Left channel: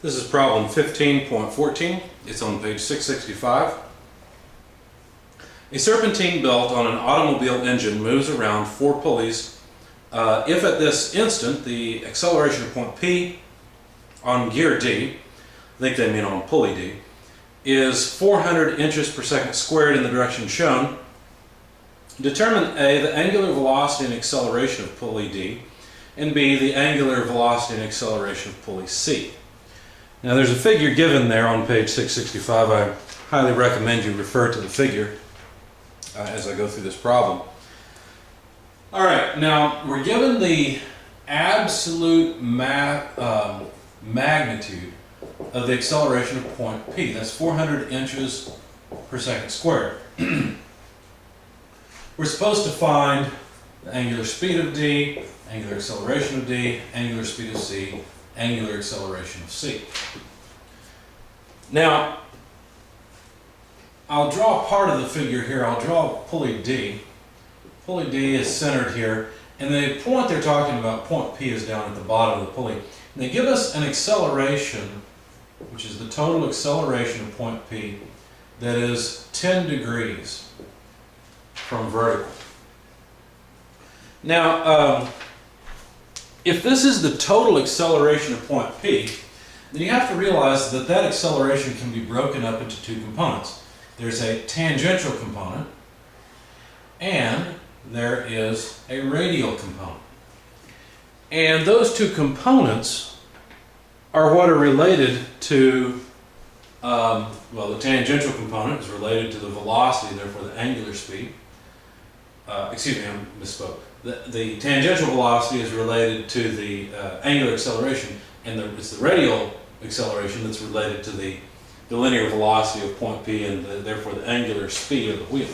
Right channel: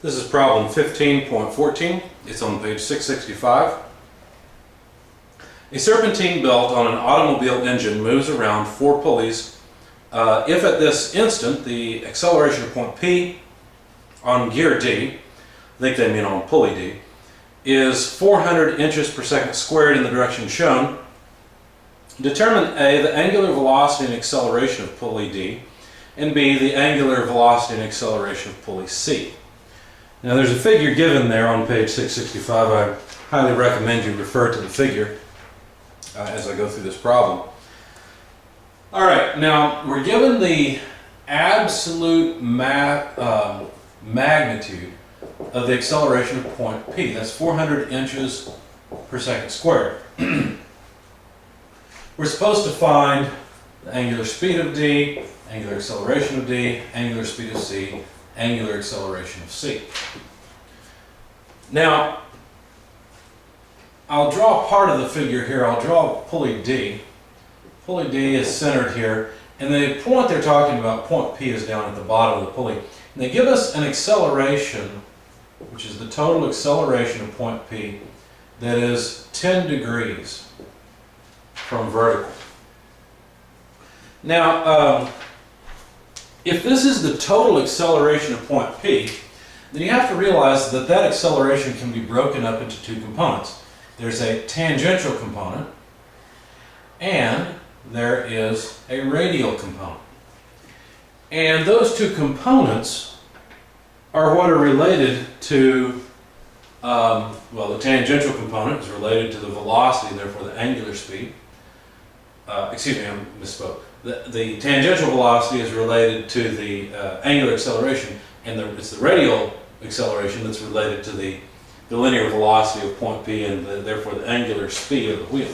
This is problem 15.14. It's on page 665. A serpentine belt on an automobile engine moves around 4 pulleys. If at this instant the acceleration of point P on gear D, I think they mean on pulley D, is 400 inches per second squared in the direction shown, determine A, the angular velocity and acceleration of pulley D, and B, the angular velocity and acceleration of pulley C. Now there's a figure given there on page 665. I highly recommend you refer to the figure as I go through this problem. Alright, now we're given the absolute magnitude of the acceleration of point P. That's 400 inches per second squared. We're supposed to find the angular speed of D, angular acceleration of D, angular speed of C, angular acceleration of C. Now, I'll draw part of the figure here. I'll draw pulley D. Pulley D is centered here, and the point they're talking about, point P, is down at the bottom of the pulley. And they give us an acceleration, which is the total acceleration of point P, that is 10 degrees from vertical. Now, if this is the total acceleration of point P, then you have to realize that that acceleration can be broken up into 2 components. There's a tangential component, and there is a radial component. And those 2 components are what are related to, well, the tangential component is related to the velocity, therefore the angular speed. Excuse me, I misspoke. The tangential velocity is related to the angular acceleration, and it's the radial acceleration that's related to the linear velocity of point P and therefore the angular speed of the wheel.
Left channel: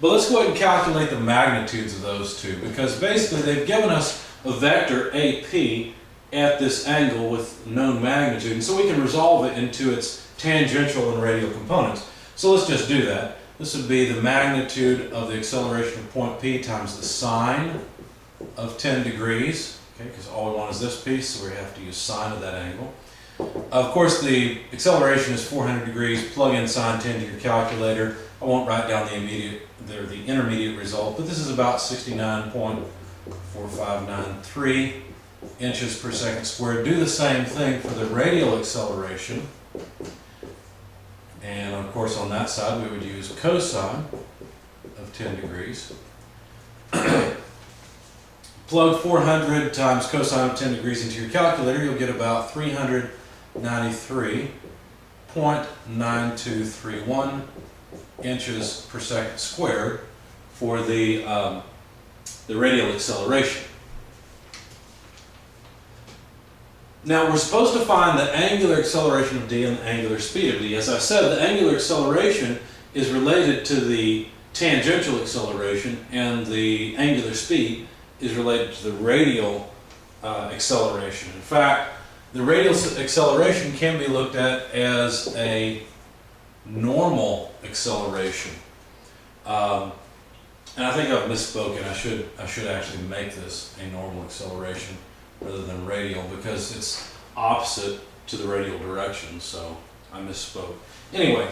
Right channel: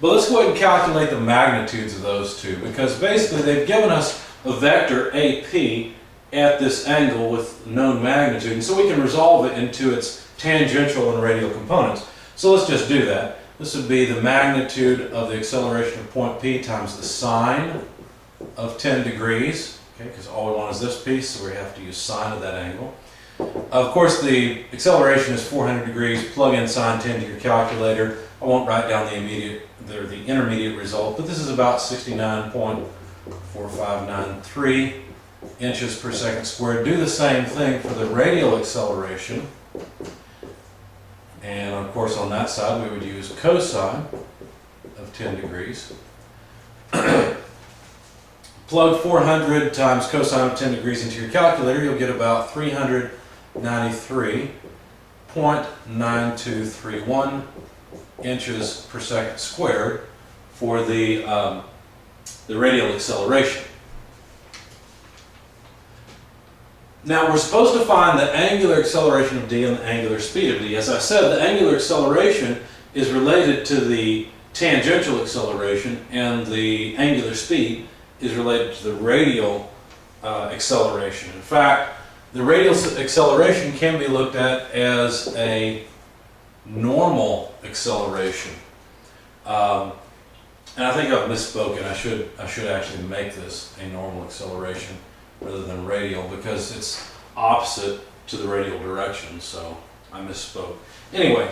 But let's go ahead and calculate the magnitudes of those 2, because basically they've given us a vector AP at this angle with known magnitude, and so we can resolve it into its tangential and radial components. So let's just do that. This would be the magnitude of the acceleration of point P times the sine of 10 degrees, okay, because all we want is this piece, so we have to use sine of that angle. Of course, the acceleration is 400 degrees. Plug in sine 10 to your calculator. I won't write down the intermediate result, but this is about 69.4593 inches per second squared. Do the same thing for the radial acceleration. And of course on that side we would use cosine of 10 degrees. Plug 400 times cosine of 10 degrees into your calculator, you'll get about 393.9231 inches per second squared for the radial acceleration. Now we're supposed to find the angular acceleration of D and the angular speed of D. As I said, the angular acceleration is related to the tangential acceleration, and the angular speed is related to the radial acceleration. In fact, the radial acceleration can be looked at as a normal acceleration. And I think I've misspoken. I should actually make this a normal acceleration rather than radial, because it's opposite to the radial direction, so I misspoke. Anyway,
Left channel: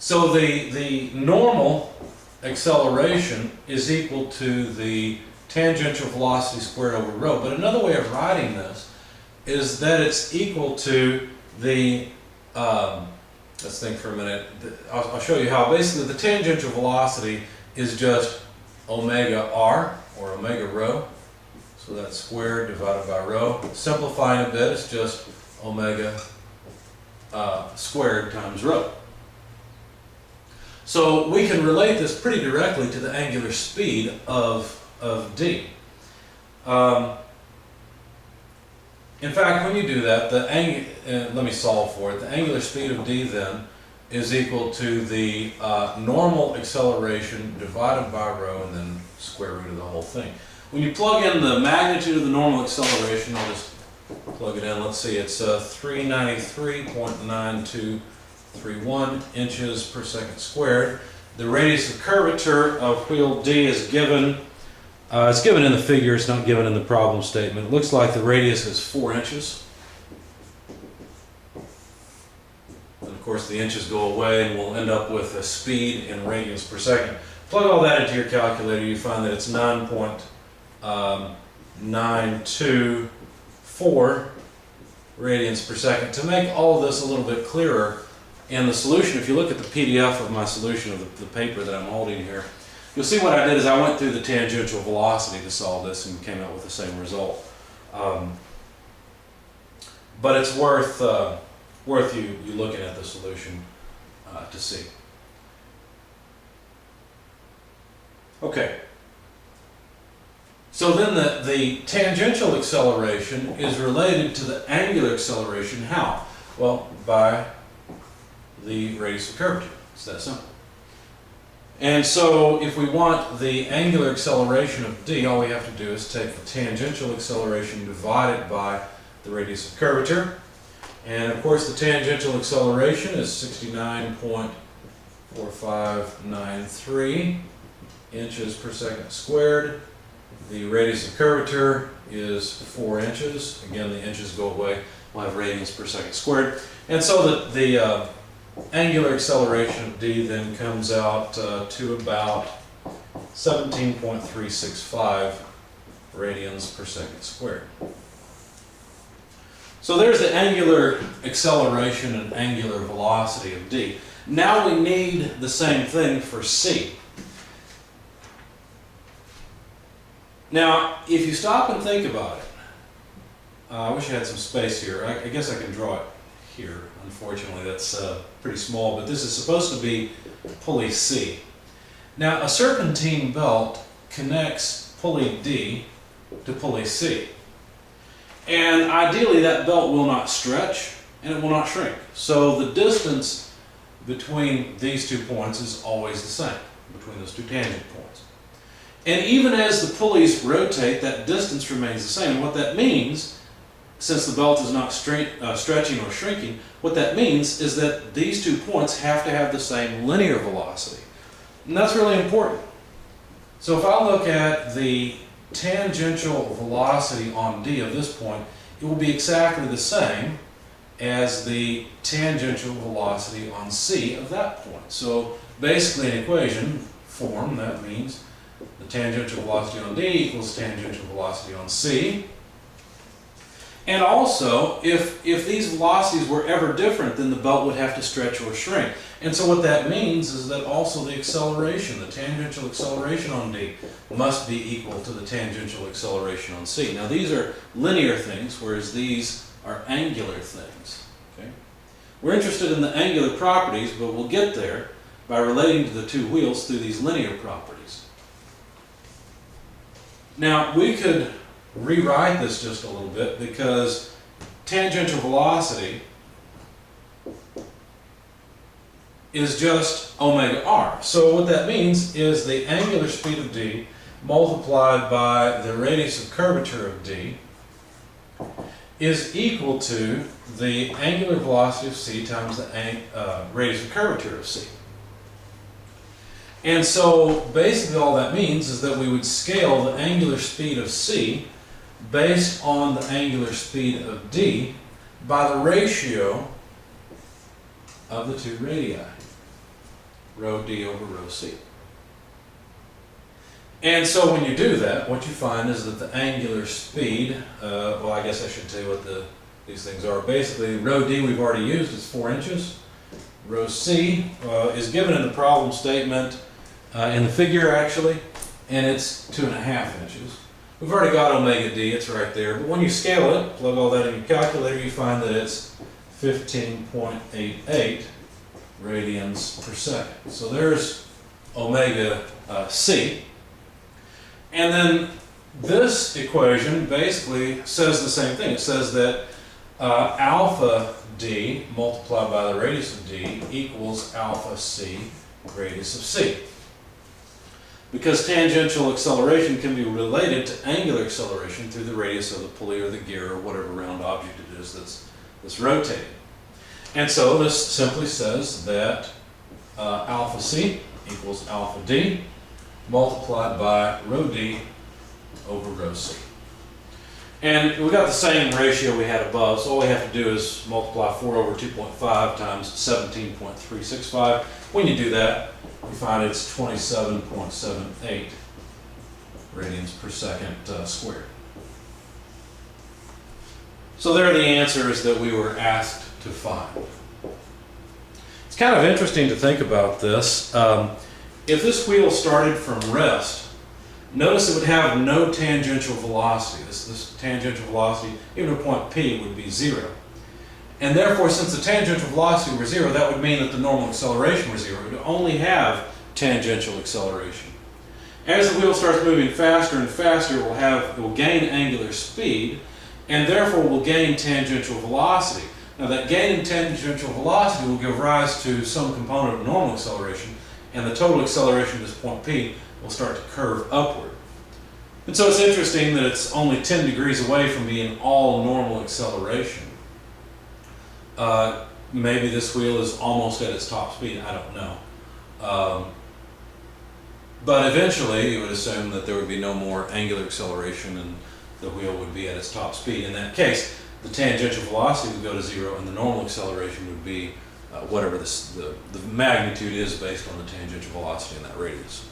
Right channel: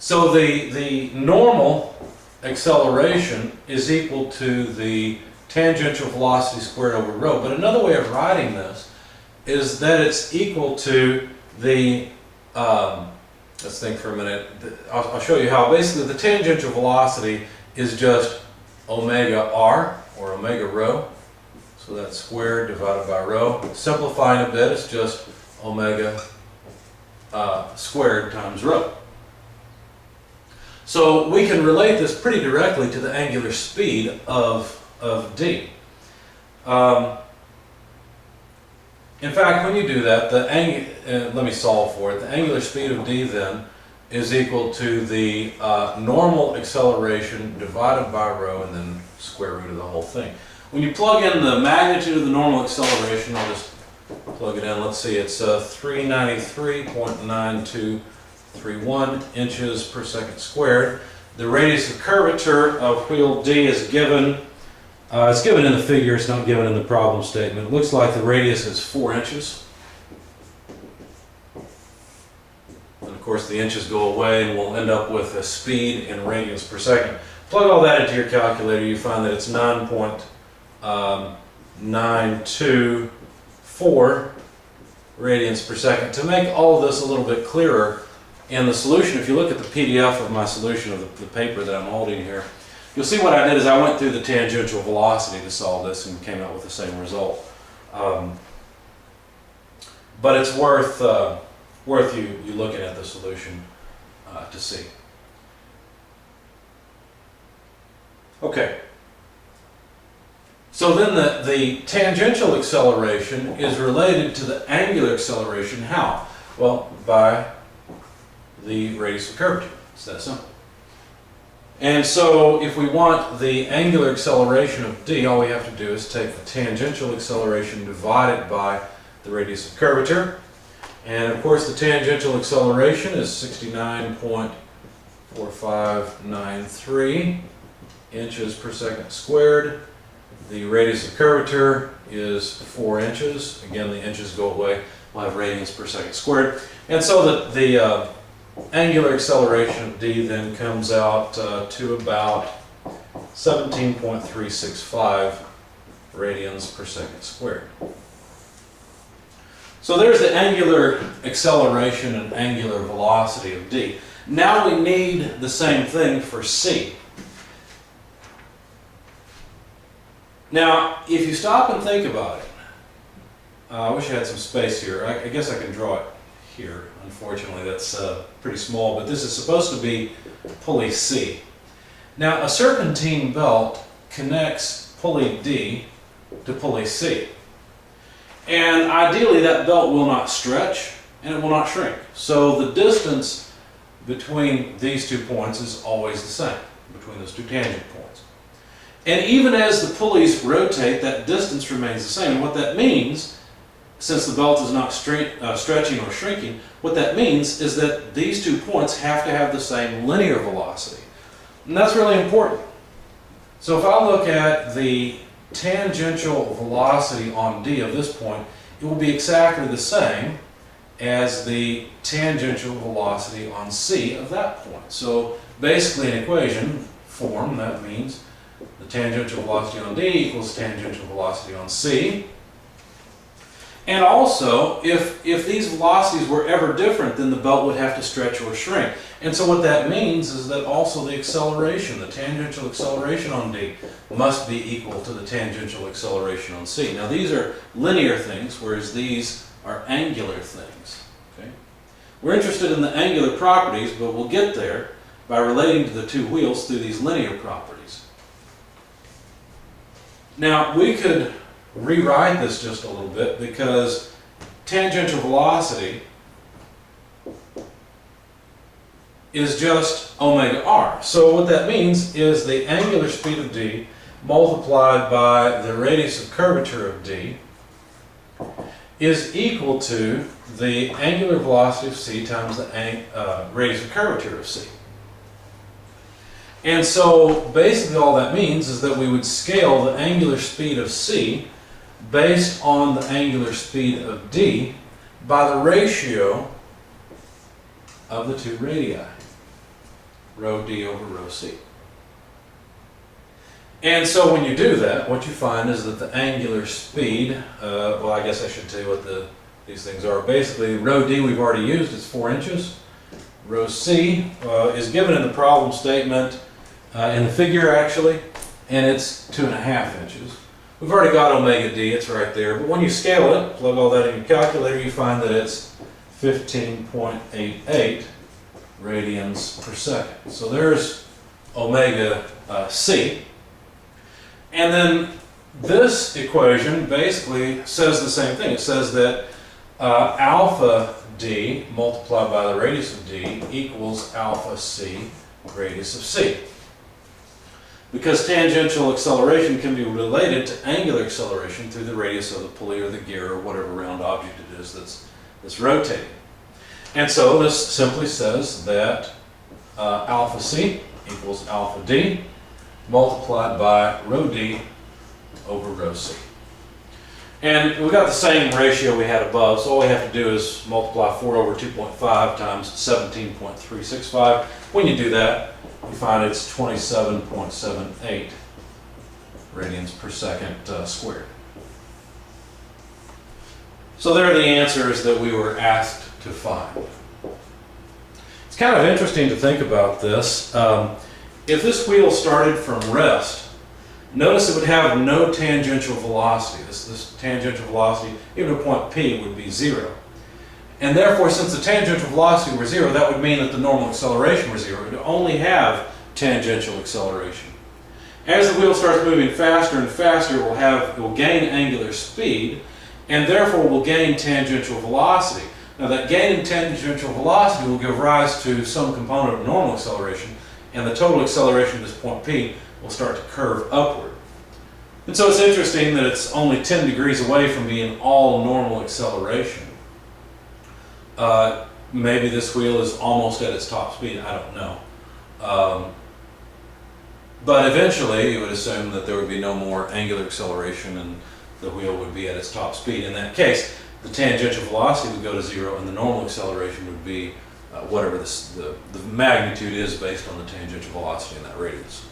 so the normal acceleration is equal to the tangential velocity squared over rho, but another way of writing this is that it's equal to the, let's think for a minute, I'll show you how. Basically the tangential velocity is just omega r, or omega rho. So that's squared divided by rho. Simplifying a bit, it's just omega squared times rho. So we can relate this pretty directly to the angular speed of D. In fact, when you do that, let me solve for it. The angular speed of D then is equal to the normal acceleration divided by rho, and then square root of the whole thing. When you plug in the magnitude of the normal acceleration, I'll just plug it in. Let's see, it's 393.9231 inches per second squared. The radius of curvature of wheel D is given It's given in the figure, it's not given in the problem statement. It looks like the radius is 4 inches. And of course the inches go away and we'll end up with a speed in radians per second. Plug all that into your calculator, you find that it's 9.924 radians per second. To make all of this a little bit clearer, in the solution, if you look at the PDF of my solution of the paper that I'm holding here, you'll see what I did is I went through the tangential velocity to solve this and came out with the same result. But it's worth you looking at the solution to see. Okay. So then the tangential acceleration is related to the angular acceleration. How? Well, by the radius of curvature. It's that simple. And so if we want the angular acceleration of d, all we have to do is take the tangential acceleration divided by the radius of curvature. And of course the tangential acceleration is 69.4593 inches per second squared. The radius of curvature is 4 inches. Again, the inches go away. We'll have radians per second squared. And so that the angular acceleration of d then comes out to about 17.365 radians per second squared. So there's the angular acceleration and angular velocity of d. Now we need the same thing for c. Now, if you stop and think about it, I wish I had some space here. I guess I can draw it here. Unfortunately, that's pretty small, but this is supposed to be pulley C. Now, a serpentine belt connects pulley D to pulley C. And ideally, that belt will not stretch and it will not shrink. So the distance between these 2 points is always the same, between those 2 tangent points. And even as the pulleys rotate, that distance remains the same. And what that means, since the belt is not stretching or shrinking, what that means is that these 2 points have to have the same linear velocity. And that's really important. So if I look at the tangential velocity on D of this point, it will be exactly the same as the tangential velocity on C of that point. So basically in equation form, that means the tangential velocity on D equals tangential velocity on C. And also, if these velocities were ever different, then the belt would have to stretch or shrink. And so what that means is that also the acceleration, the tangential acceleration on D, must be equal to the tangential acceleration on C. Now these are linear things, whereas these are angular things. Okay? We're interested in the angular properties, but we'll get there by relating to the 2 wheels through these linear properties. Now we could rewrite this just a little bit, because tangential velocity is just omega r. So what that means is the angular speed of d multiplied by the radius of curvature of d is equal to the angular velocity of c times the radius of curvature of c. And so basically all that means is that we would scale the angular speed of c based on the angular speed of d by the ratio of the 2 radii, rho d over rho c. And so when you do that, what you find is that the angular speed, well, I guess I should tell you what these things are. Basically, rho d we've already used, it's 4 inches. Rho c is given in the problem statement, in the figure actually, and it's 2.5 inches. We've already got omega d, it's right there, but when you scale it, plug all that in your calculator, you find that it's 15.88 radians per second. So there's omega c. And then this equation basically says the same thing. It says that alpha d multiplied by the radius of d equals alpha c radius of c. Because tangential acceleration can be related to angular acceleration through the radius of the pulley or the gear or whatever round object it is that's rotating. And so this simply says that alpha c equals alpha d multiplied by rho d over rho c. And we got the same ratio we had above, so all we have to do is multiply 4 over 2.5 times 17.365. When you do that, you find it's 27.78 radians per second squared. So there are the answers that we were asked to find. It's kind of interesting to think about this. If this wheel started from rest, notice it would have no tangential velocity. This tangential velocity, even at point P, would be 0. And therefore, since the tangential velocity were 0, that would mean that the normal acceleration were 0. It would only have tangential acceleration. As the wheel starts moving faster and faster, it will gain angular speed, and therefore will gain tangential velocity. Now that gain in tangential velocity will give rise to some component of normal acceleration, and the total acceleration at this point P will start to curve upward. And so it's interesting that it's only 10 degrees away from being all normal acceleration. Maybe this wheel is almost at its top speed, I don't know. But eventually you would assume that there would be no more angular acceleration and the wheel would be at its top speed. In that case, the tangential velocity would go to 0 and the normal acceleration would be whatever the magnitude is based on the tangential velocity in that radius.